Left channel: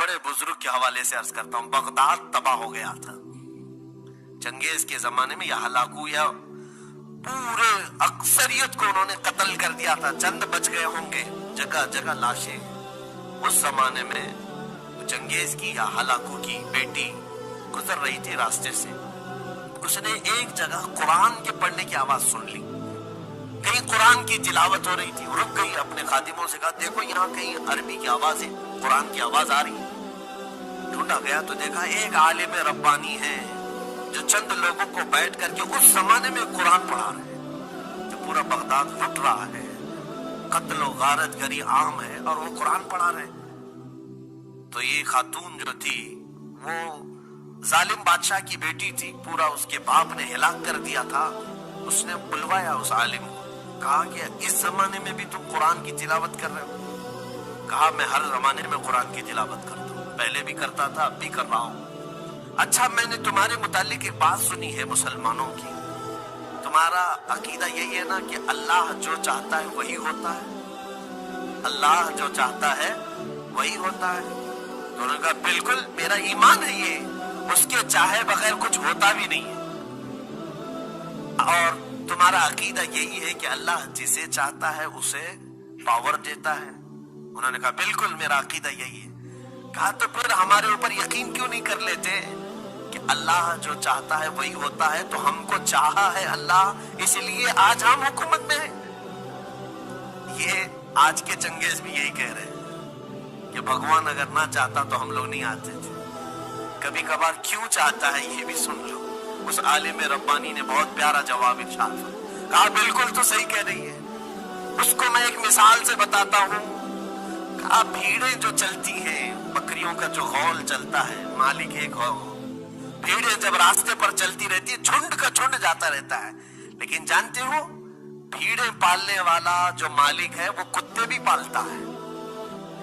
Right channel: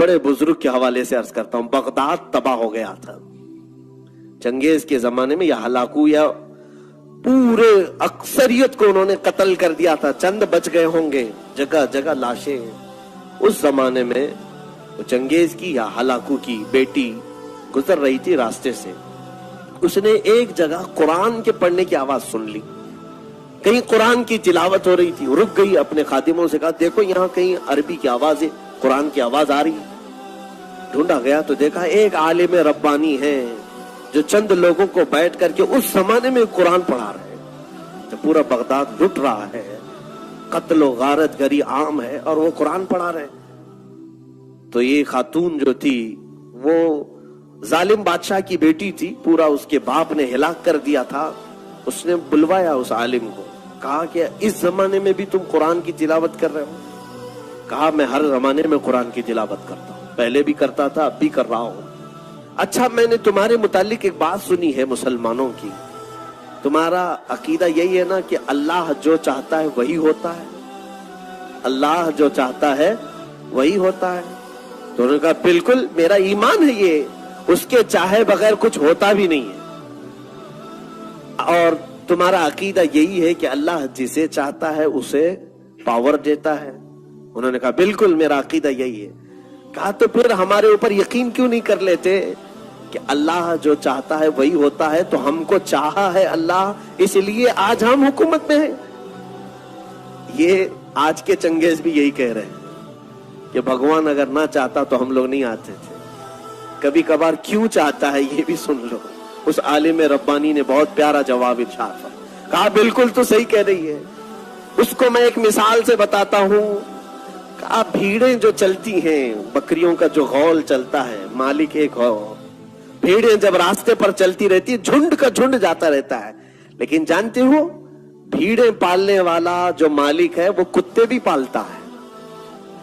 बड़े बुजुर्ग के हवाले से अर्ज करता हूं, बगदाद तबाह हो गया था चंगेज के जमाने में। या हलाकू या पूरे अक्सरियत को उन्होंने कत्ल कर दिया था, चंद बच गए होंगे, जगह जगह लाशें। उस जमाने में चंगेज की या हलाकू की बेटी गुजर रही थी रास्ते से, उसने एक जगह कुरान के पढ़ने की आवाज सुन ली, कहीं कुरान की तिलावत हो रही थी, रुक गई, अपने खादिमों से कहा देखो यहाँ कहीं अरबी की आवाज है, कुरान की आवाज आ रही है। ढूंढा गया तो देखा एक आलिम रब्बानी है जो चंद लोगों को बैठ करके उस जमाने में कुरान पढ़ा रहे हैं। तो पूरा बगदाद लुट रहा है, कत्ल और गारत गरी आम है और वो कुरान पढ़ा रहे हैं। तो ये खातून जो थी वो जालिम बादशाह की बेटी थी, पूरा उसके बाप ने हिलाक कर दिया था। उसने बुलवाया उस आलिम को, कहा कि इस जमाने में भी तुम कुरान की तिलावत कर रहे हो? कहा मैं हर जमाने में कुरान की तिलावत करता हूं, पहले भी करता था, अब भी कर रहा हूं। अच्छा, मैंने तुम्हारे मुतालिक एक बात सुनी है मुसलमानों की, तुम्हारा अकीदा यही है ना कि अल्लाह जो चाहता है वही होता है, अल्लाह जो चाहता है वही होता है? तो उन्होंने कहा बिल्कुल मेरा ईमान है ये, उसके चाहे बगैर कुछ होता भी नहीं है। और तुम्हारा अकीदा यही है कि अल्लाह जिसे चाहता है उसे पावर देता है? उन्होंने कहा बिल्कुल मेरा अकीदा यही है। कहा तो फिर हमारे ऊपर यकीन क्यों नहीं कर लेते कि अल्लाह जो चाहता है वही होता है? तो हमको चाहा है अल्लाह, इसलिए आज हम हुकूमत में हैं। ये आज के चंगेज भी यही कह रहे हैं कि भगवान अगर ना चाहता तो हम लोग नहीं आते थे। कभी कभार क्यों चाहता है ये भी सुन लो। उस आलिम रब्बानी ने बहुत प्यारा जवाब इरशाद फरमाया, कहा बिल्कुल तो सही कह रही है। उसको मैं एक मिसाल से बताता हूं। कहा भीड़ें जो चलती हैं, बकरियों का जो गौल चलता है, मालिक एक हो, भीड़ें जब रास्ते पर चलती रहती है, झुंड का झुंड जाता रहता है, लेकिन जानते हो भीड़ें पालने वाला जो मालिक है वो कुत्ते भी पालता है,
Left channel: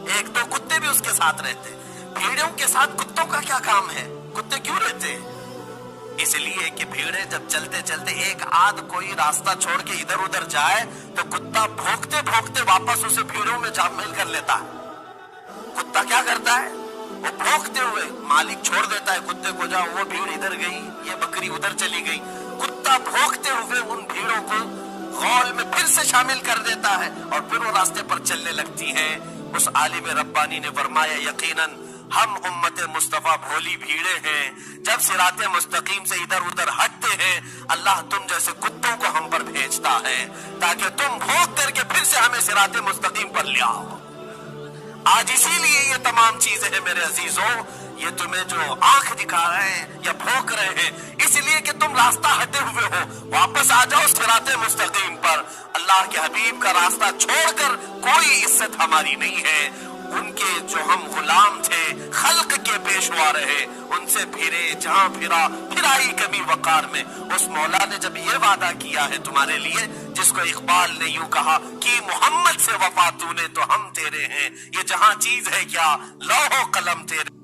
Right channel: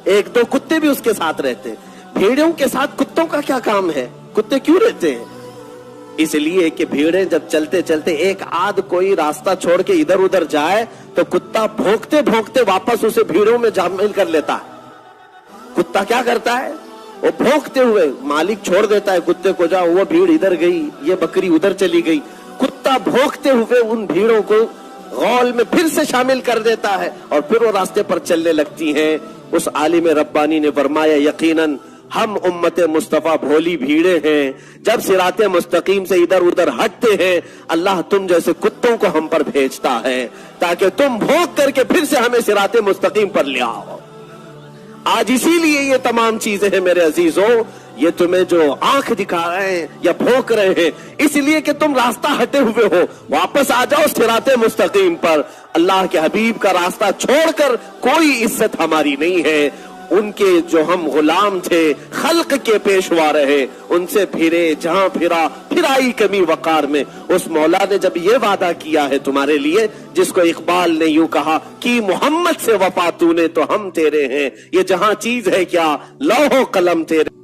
एक दो कुत्ते भी उसके साथ रहते हैं। भेड़ों के साथ कुत्तों का क्या काम है? कुत्ते क्यों रहते हैं? इसलिए कि भेड़ें जब चलते चलते एक आध कोई रास्ता छोड़ के इधर उधर जाए तो कुत्ता भौंकते भौंकते वापस उसे भीड़ों में शामिल कर लेता है। कुत्ता क्या करता है? वो भौंकते हुए मालिक छोड़ देता है कुत्ते को, जाओ वो भीड़ इधर गई, ये बकरी उधर चली गई। कुत्ता भौंकते हुए उन भीड़ों को गौल में फिर से शामिल कर देता है और फिर वो रास्ते पर चलने लगती हैं। उस आलिम रब्बानी ने फरमाया यकीनन हम उम्मत मुस्तफा भोली भीड़े हैं, जब सिराते मुस्तकीम से इधर उधर हटते हैं अल्लाह तुम जैसे कुत्तों को हम पर भेजता है ताकि तुम भौंक करके फिर से हमें सिराते मुस्तकीम पर ले आओ। आज इसीलिए ये तमाम चीजें हैं मेरे अजीजों, ये तुम्हें जो आंख दिखा रहे हैं या भौंक रहे हैं इसलिए कि तुम रास्ता हटे हुए हो। वापस आ जाओ सिराते मुस्तकीम पर। अल्लाह के हबीब का रास्ता छोड़कर कोई इज्जत हमारी नहीं है। उनके जो हम गुलाम थे, खल्क के पेशवा रहे, उनसे फिरे जहां फिरा फिर आई कमी वकार में। उस मौला ने जब ये वादा किया है तुम्हारे लिए, जिसको इकबाल ने यूं कहा कि मोहम्मद से वफा तूने तो हम तेरे हैं, ये जहां चीज है क्या लौहो कलम तेरे।